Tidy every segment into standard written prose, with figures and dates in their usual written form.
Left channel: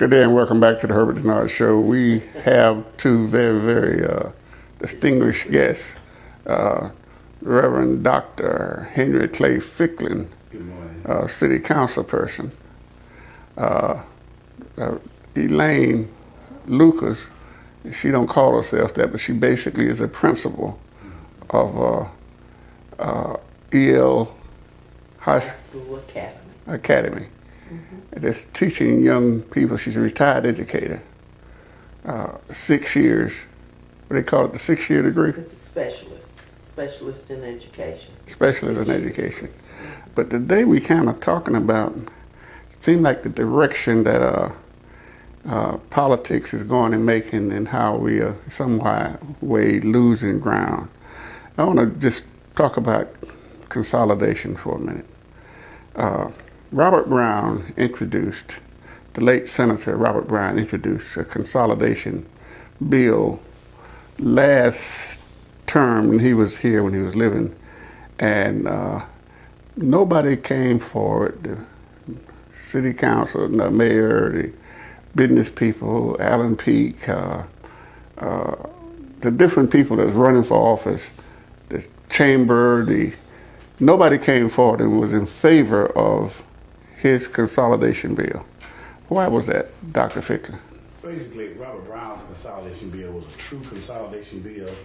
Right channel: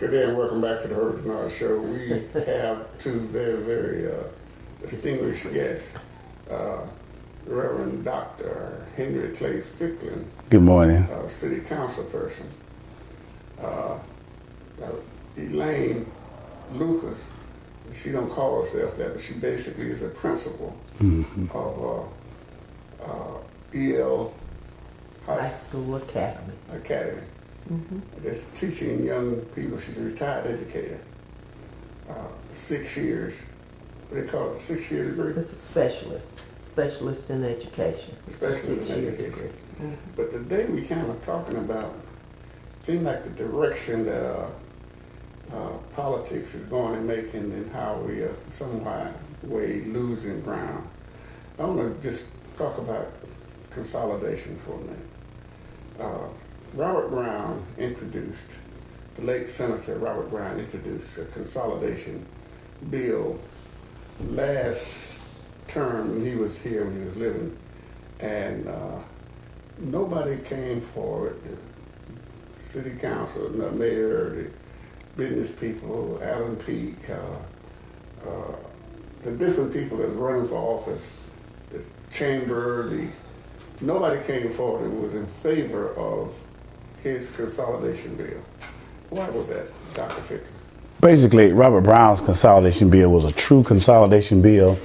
Good day and welcome back to the Herbert Dennard Show. We have two very distinguished guests, Reverend Dr. Henry Clay Ficklin. Good morning. City council person. Elaine Lucas, she don't call herself that, but she basically is a principal of EL High School Academy. That's teaching young people. She's a retired educator. 6 years. What do they call it? The 6-year degree? It's a specialist in education. Specialist in education. But today we kind of talking about, it seems like the direction that politics is going in Macon and how we are some way losing ground. I want to just talk about consolidation for a minute. Robert Brown introduced, the late Senator Robert Brown introduced a consolidation bill last term when he was here, when he was living, and nobody came for it. The city council, the mayor, the business people, Alan Peak, the different people that's running for office, the chamber, nobody came forward and was in favor of his consolidation bill. Why was that, Dr. Ficklin? Basically, Robert Brown's consolidation bill was a true consolidation bill.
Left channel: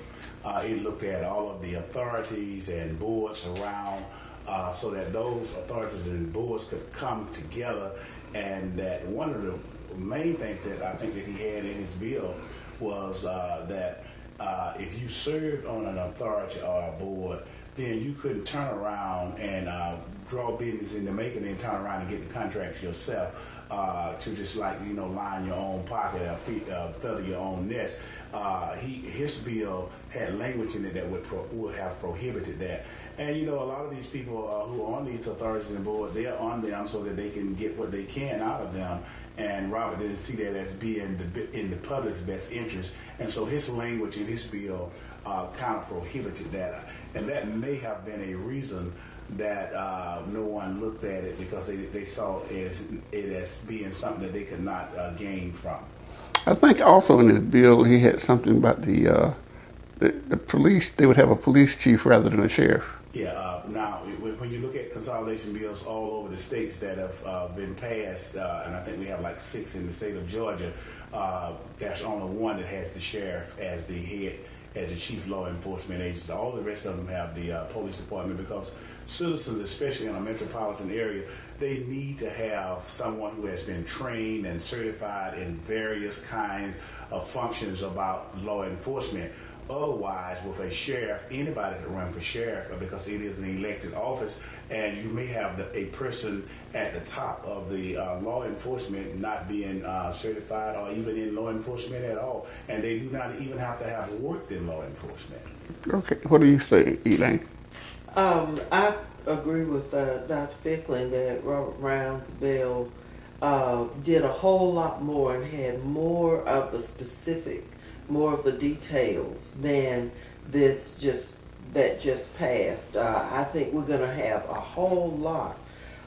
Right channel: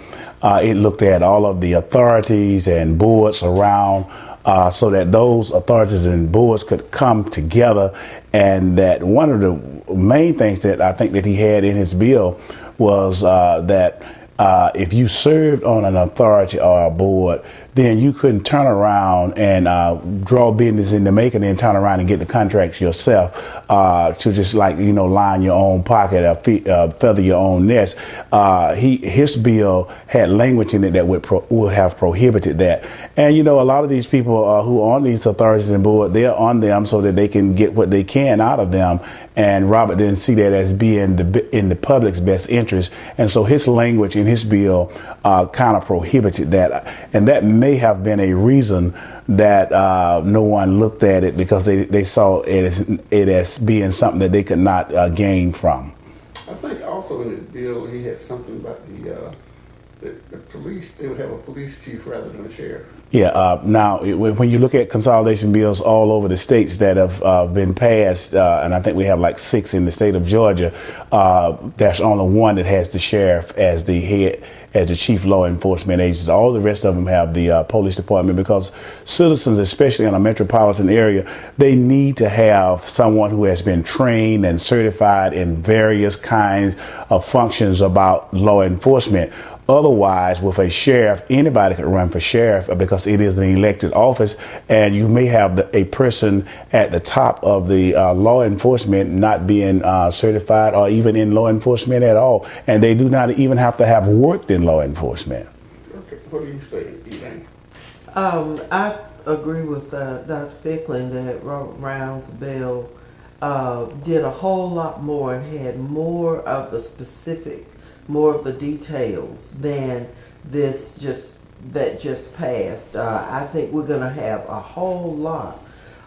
It looked at all of the authorities and boards around so that those authorities and boards could come together, and that one of the main things that I think that he had in his bill was that if you served on an authority or a board, then you couldn't turn around and draw business into Macon and then turn around and get the contracts yourself to just line your own pocket or feather your own nest. His bill had language in it that would have prohibited that. And a lot of these people who are on these authorities and board, they're on them so that they can get what they can out of them. And Robert didn't see that as being in the public's best interest. And so his language in his bill kind of prohibited that. And that may have been a reason that no one looked at it, because they saw it as being something that they could not gain from. I think also in his bill he had something about the police. They would have a police chief rather than a sheriff. Yeah. Now, when you look at consolidation bills all over the states that have been passed, and I think we have like 6 in the state of Georgia, there's only one that has the sheriff as the head, as the chief law enforcement agency. All the rest of them have the police department, because citizens, especially in a metropolitan area, they need to have someone who has been trained and certified in various kinds of functions about law enforcement. Otherwise, with a sheriff, anybody could run for sheriff because it is an elected office, and you may have a person at the top of the law enforcement not being certified or even in law enforcement at all, and they do not even have to have worked in law enforcement. Okay, what do you think, Elaine? I agree with Dr. Ficklin that Robert Brown's bill did a whole lot more and had more of the specific, more of the details than this that just passed. I think we're going to have a whole lot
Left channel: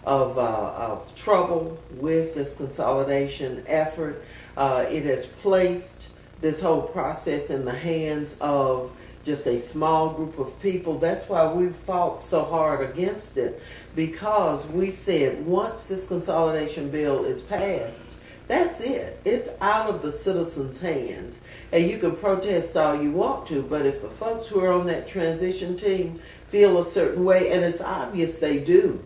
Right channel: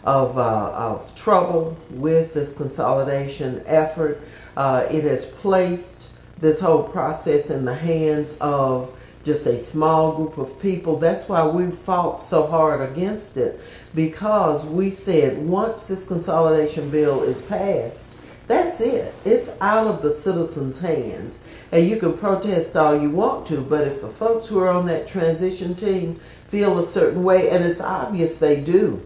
of trouble with this consolidation effort. It has placed this whole process in the hands of just a small group of people. That's why we fought so hard against it, because we said once this consolidation bill is passed, that's it. It's out of the citizens' hands. And you can protest all you want to, but if the folks who are on that transition team feel a certain way, and it's obvious they do,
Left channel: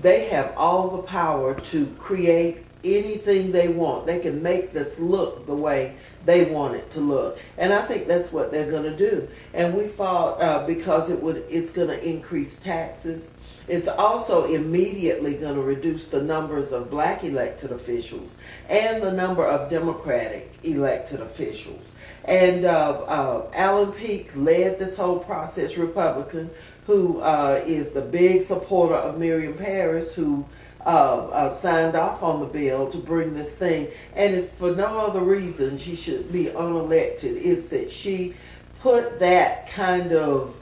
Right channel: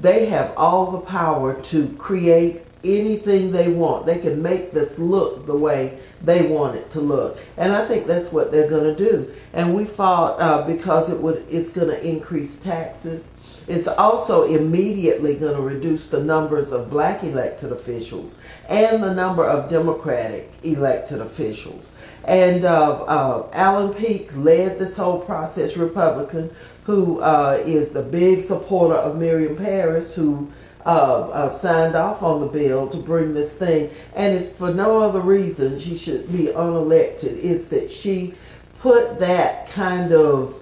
they have all the power to create anything they want. They can make this look the way they want it to look. And I think that's what they're going to do. And we fought because it's going to increase taxes. It's also immediately going to reduce the numbers of black elected officials and the number of Democratic elected officials. And Alan Peak led this whole process, Republican, who is the big supporter of Miriam Parris, who signed off on the bill to bring this thing. And if for no other reason she should be unelected, it's that she put that kind of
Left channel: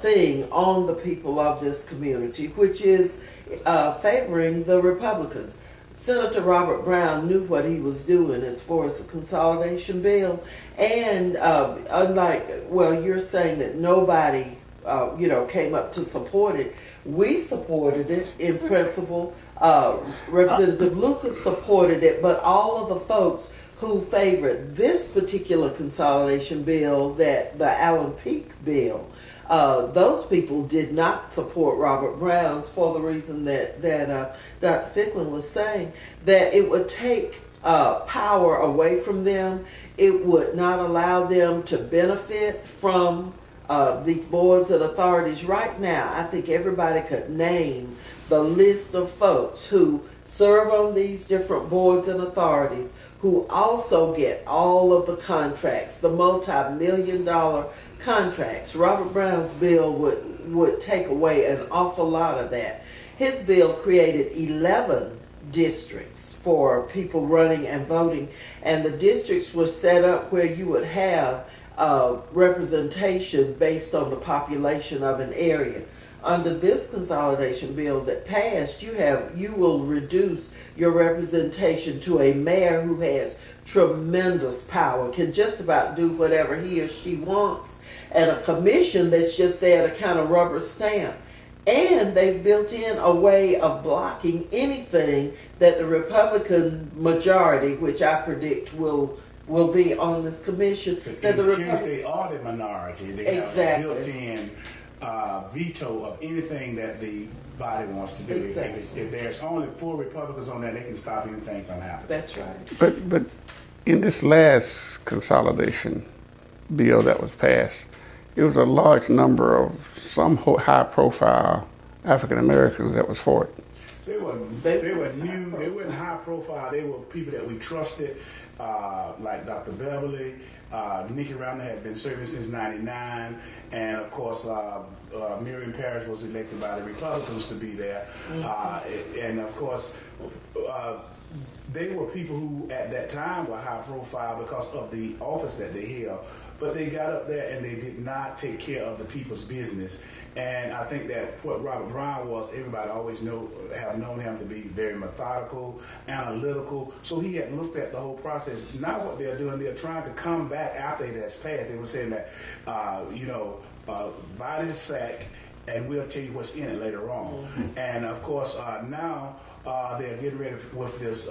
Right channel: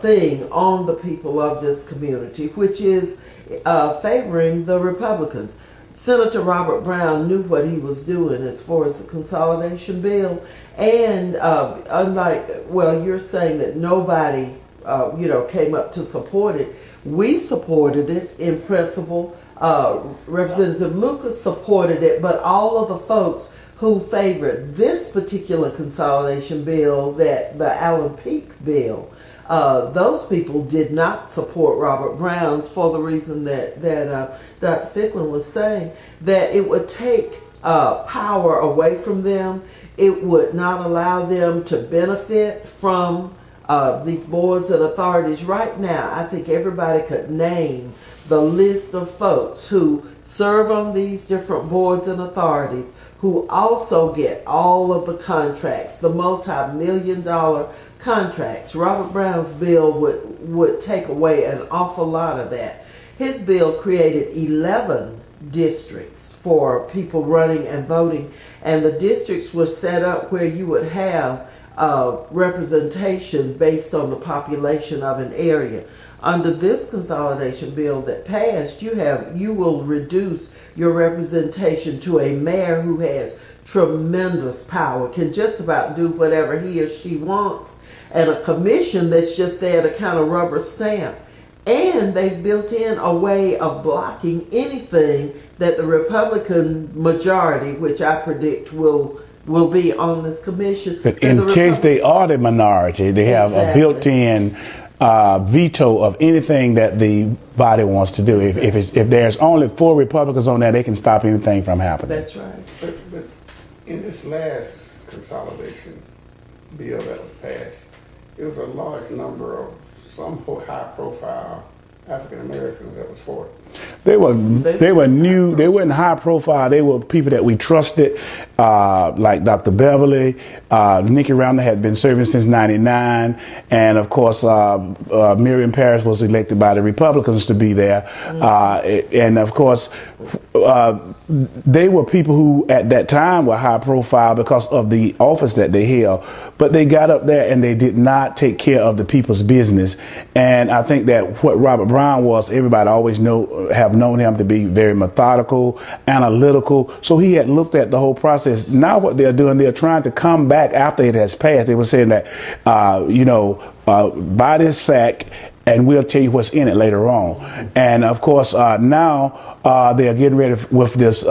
thing on the people of this community, which is favoring the Republicans. Senator Robert Brown knew what he was doing as far as the consolidation bill. And unlike, well, you're saying that nobody, came up to support it. We supported it in principle. Representative Lucas supported it, but all of the folks who favored this particular consolidation bill, that the Allen Peake bill, those people did not support Robert Brown's for the reason that Dr. Ficklin was saying, that it would take power away from them. It would not allow them to benefit from these boards and authorities. Right now, I think everybody could name the list of folks who serve on these different boards and authorities, who also get all of the contracts, the multi-million-dollar contracts. Robert Brown's bill would take away an awful lot of that. His bill created 11 districts for people running and voting, and the districts were set up where you would have representation based on the population of an area. Under this consolidation bill that passed, you will reduce your representation to a mayor who has tremendous power, can just about do whatever he or she wants, and a commission that's just there to kind of rubber stamp. And they've built in a way of blocking anything that the Republican majority, which I predict will be on this commission. But in case they are the minority, they have a built-in veto of anything that the body wants to do. If there's only 4 Republicans on there, they can stop anything from happening. That's right. But in this last consolidation bill that was passed, it was a large number of some high-profile African Americans that was for it. They were new. They weren't high profile. They were people that we trusted, like Dr. Beverly. Nikki Randall had been serving since '99, and of course Miriam Parrish was elected by the Republicans to be there. And of course they were people who at that time were high profile because of the office that they held. But they got up there and they did not take care of the people's business. And I think that what Robert Brown was, everybody always have known him to be very methodical, analytical. So he had looked at the whole process. Now what they're doing, they're trying to come back after it has passed. They were saying that, buy this sack and we'll tell you what's in it later on. And of course, now they're getting ready with this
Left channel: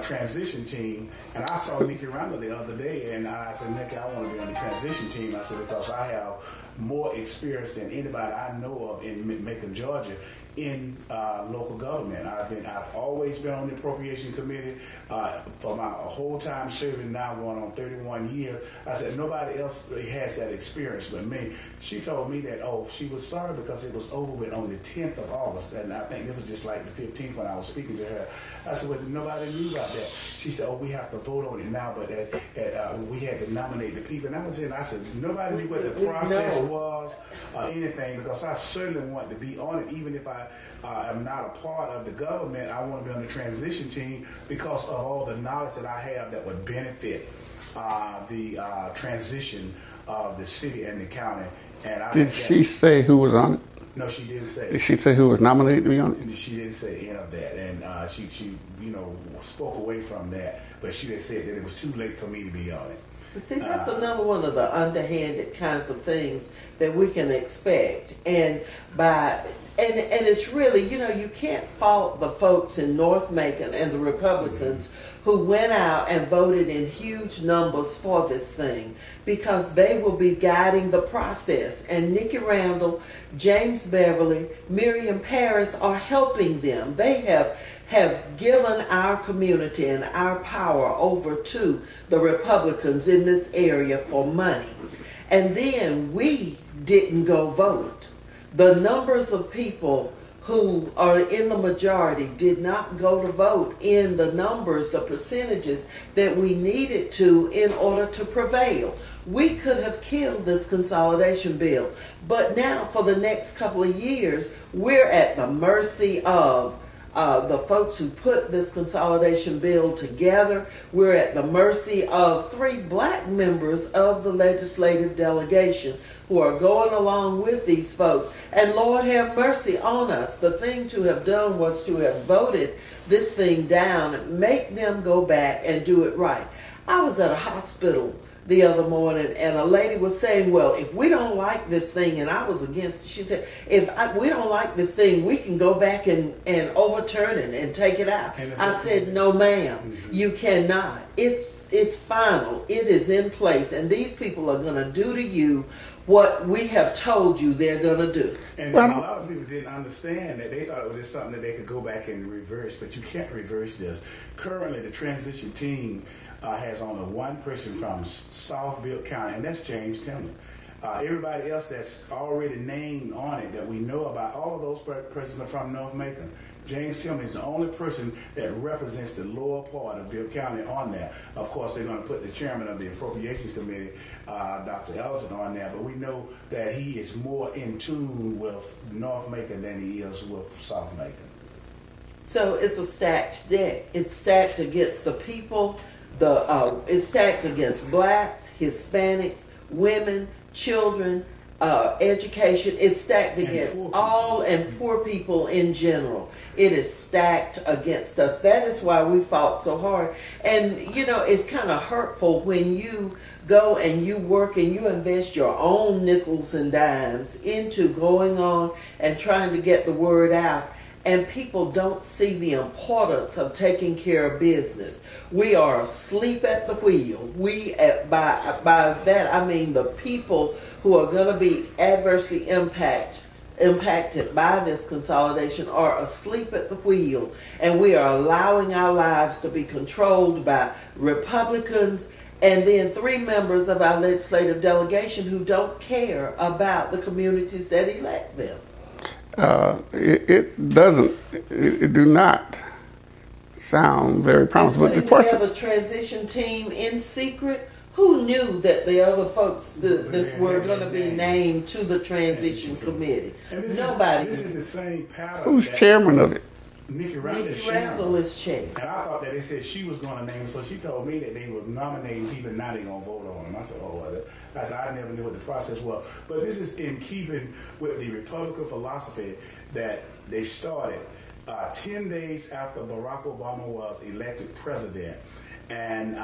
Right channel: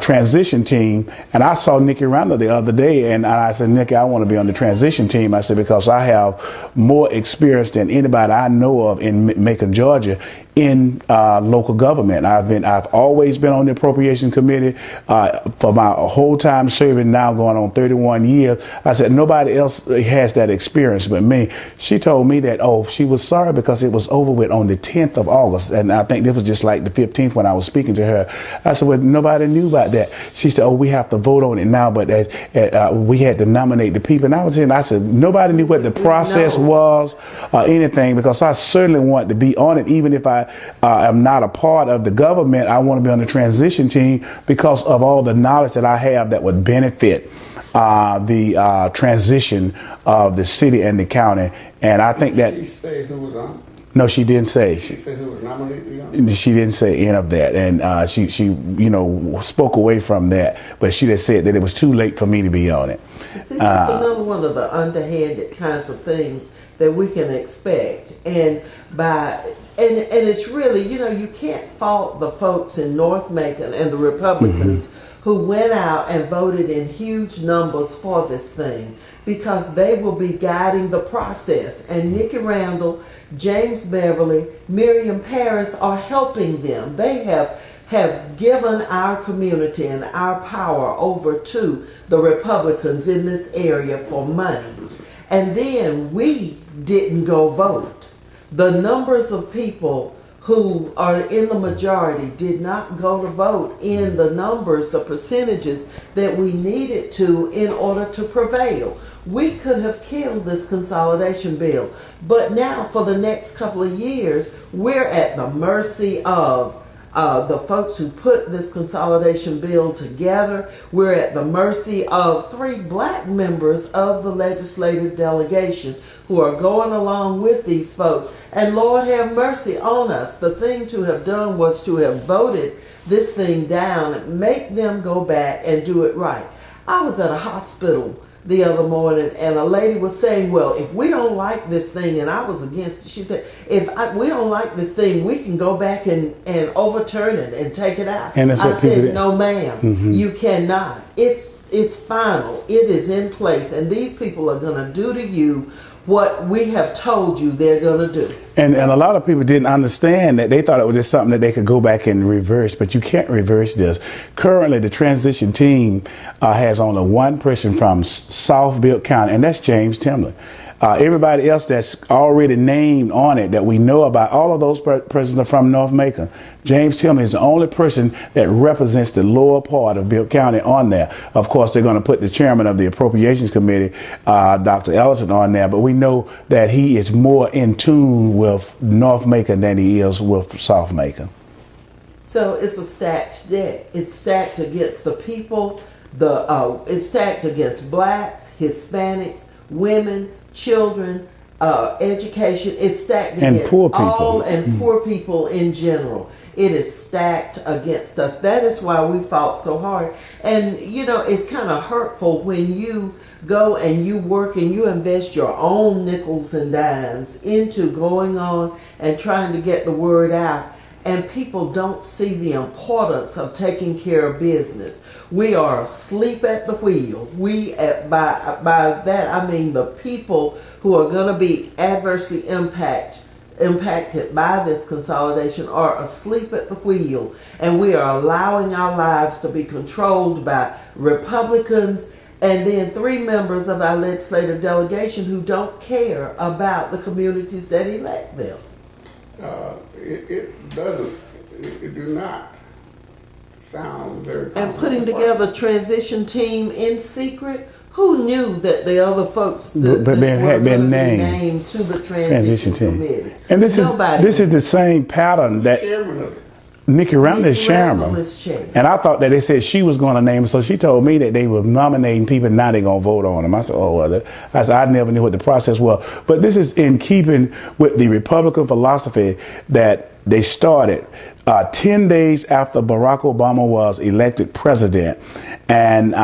transition team, and I saw Nikki Randall the other day, and I said, Nikki, I want to be on the transition team. I said, because I have more experience than anybody I know of in Macon, Georgia, in local government. I've always been on the appropriation committee for my whole time serving, now going on 31 years. I said, nobody else has that experience but me. She told me that, she was sorry because it was over with on the 10th of August. And I think this was just like the 15th when I was speaking to her. I said, well, nobody knew about that. She said, we have to vote on it now, but we had to nominate the people. And I said, nobody knew what the process was or anything, because I certainly want to be on it, even if I am not a part of the government. I want to be on the transition team because of all the knowledge that I have that would benefit the transition of the city and the county. And I think that... Did she say who was on it? No, she didn't say. Did she say who was nominated to be on it? She didn't say any of that, and she spoke away from that. But she just said that it was too late for me to be on it. See, that's another one of the underhanded kinds of things that we can expect, and it's really, you can't fault the folks in North Macon and the Republicans who went out and voted in huge numbers for this thing, because they will be guiding the process. And Nikki Randall, James Beverly, Miriam Parrish are helping them. They have given our community and our power over to the Republicans in this area for money. And then we didn't go vote. The numbers of people who are in the majority did not go to vote in the numbers, the percentages that we needed to in order to prevail. We could have killed this consolidation bill, but now for the next couple of years, we're at the mercy of the folks who put this consolidation bill together. We're at the mercy of 3 black members of the legislative delegation who are going along with these folks. And Lord have mercy on us. The thing to have done was to have voted this thing down, make them go back and do it right. I was at a hospital the other morning, and a lady was saying, well, if we don't like this thing, and I was against it, she said, we don't like this thing, we can go back and overturn it and take it out. And that's what I people said, did. no ma'am, you cannot. It's final. It is in place, and these people are going to do to you what we have told you they're going to do. And a lot of people didn't understand that. They thought it was just something that they could go back and reverse, but you can't reverse this. Currently, the transition team has only one person from South Bibb County, and that's James Timlin. Everybody else that's already named on it that we know about, all of those persons are from North Macon. James Timlin is the only person that represents the lower part of Bibb County on there. Of course, they're going to put the chairman of the Appropriations Committee, Dr. Ellison, on there, but we know that he is more in tune with North Macon than he is with South Macon. So it's a stacked deck. It's stacked against the people. It's stacked against blacks, Hispanics, women, children, education. It's stacked against poor people. all and poor people in general. It is stacked against us. That is why we fought so hard. And, you know, it's kind of hurtful when you go and you work and you invest your own nickels and dimes into going on and trying to get the word out. And people don't see the importance of taking care of business. We are asleep at the wheel. By that I mean the people who are going to be adversely impacted by this consolidation are asleep at the wheel, and we are allowing our lives to be controlled by Republicans and then 3 members of our legislative delegation who don't care about the communities that elect them. It do not sound very promising. And putting together a transition team in secret. Who knew that the other folks had been named to the transition committee? And this is the same pattern. Who's that chairman of it? Nikki Randall is chairman. And I thought that they said she was going to name him, so she told me that they were nominating people, now they're going to vote on them. I said, oh, well, I never knew what the process was. But this is in keeping with the Republican philosophy that they started 10 days after Barack Obama was elected president. And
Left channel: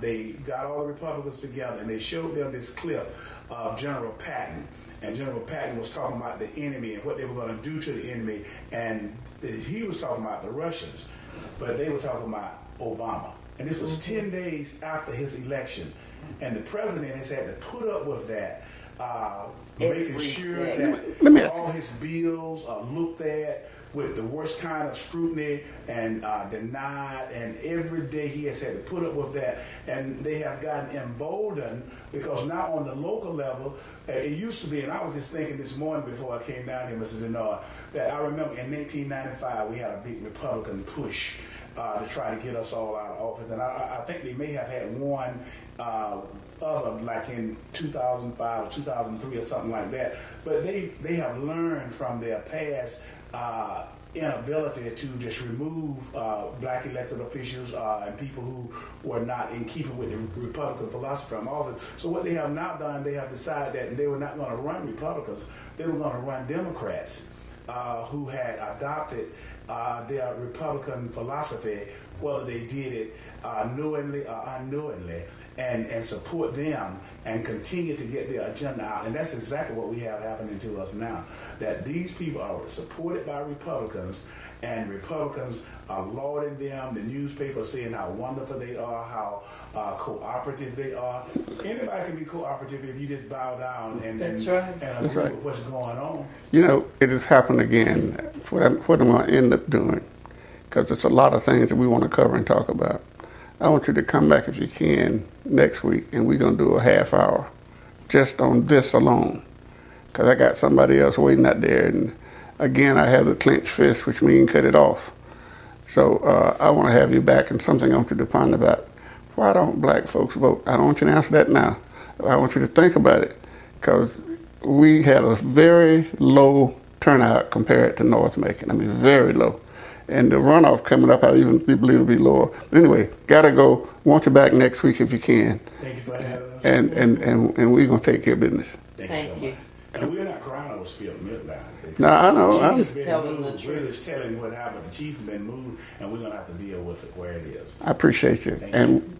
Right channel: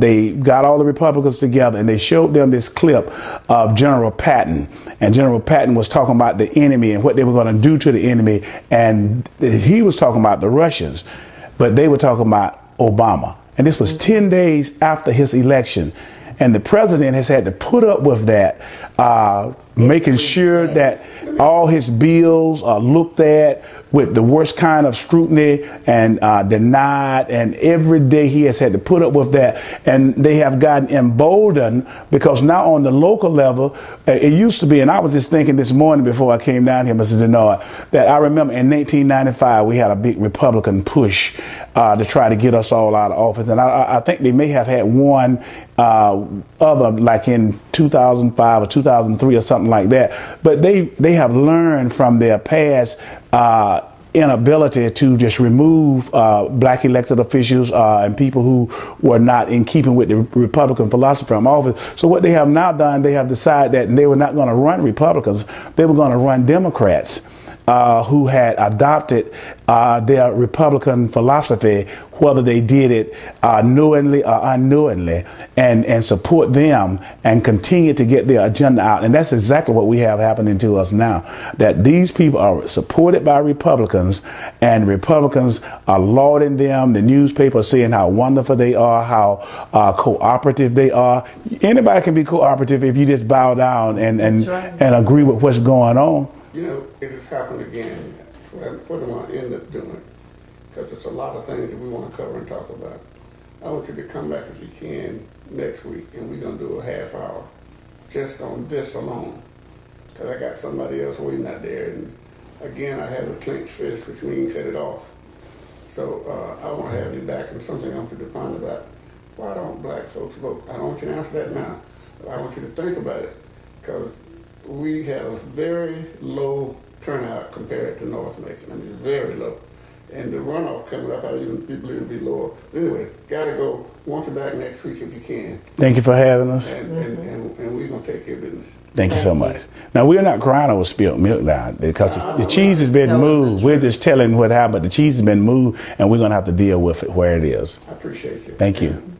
they got all the Republicans together and they showed them this clip of General Patton. And General Patton was talking about the enemy and what they were going to do to the enemy. And he was talking about the Russians, but they were talking about Obama. And this was 10 days after his election. And the president has had to put up with that, making sure that all his bills are looked at with the worst kind of scrutiny and denied, and every day he has had to put up with that. And they have gotten emboldened because now on the local level, it used to be, and I was just thinking this morning before I came down here, Mr. Dennard, that I remember in 1995 we had a big Republican push to try to get us all out of office. And I think they may have had one other, like in 2005 or 2003 or something like that. But they have learned from their past inability to just remove black elected officials and people who were not in keeping with the Republican philosophy from office. So what they have now done, they have decided that they were not going to run Republicans, they were going to run Democrats who had adopted their Republican philosophy, whether they did it knowingly or unknowingly, and support them and continue to get their agenda out. And that's exactly what we have happening to us now, that these people are supported by Republicans, and Republicans are lauding them. The newspapers saying how wonderful they are, how cooperative they are. Anybody can be cooperative if you just bow down and agree with what's going on. You know, it has happened again. What I'm going to end up doing, because there's a lot of things that we want to cover and talk about. I want you to come back if you can next week, and we're going to do a half hour just on this alone, because I got somebody else waiting out there. And again, I have the clenched fist, which means cut it off. So I want to have you back, and something I want you to ponder about. Why don't black folks vote? I don't want you to answer that now. I want you to think about it, because we had a very low turnout compared to North Macon. I mean, very low. And the runoff coming up, I even believe it'll be lower. But anyway, gotta go. Want you back next week if you can. Thank you for having us. And we're gonna take care of business. Thank you so much. Now, we're not crying over spilled milk now because No, I the know. cheese has been telling the moved. We're truth. just telling what happened. The cheese has been moved, and we're going to have to deal with it where it is. I appreciate you. Thank you. And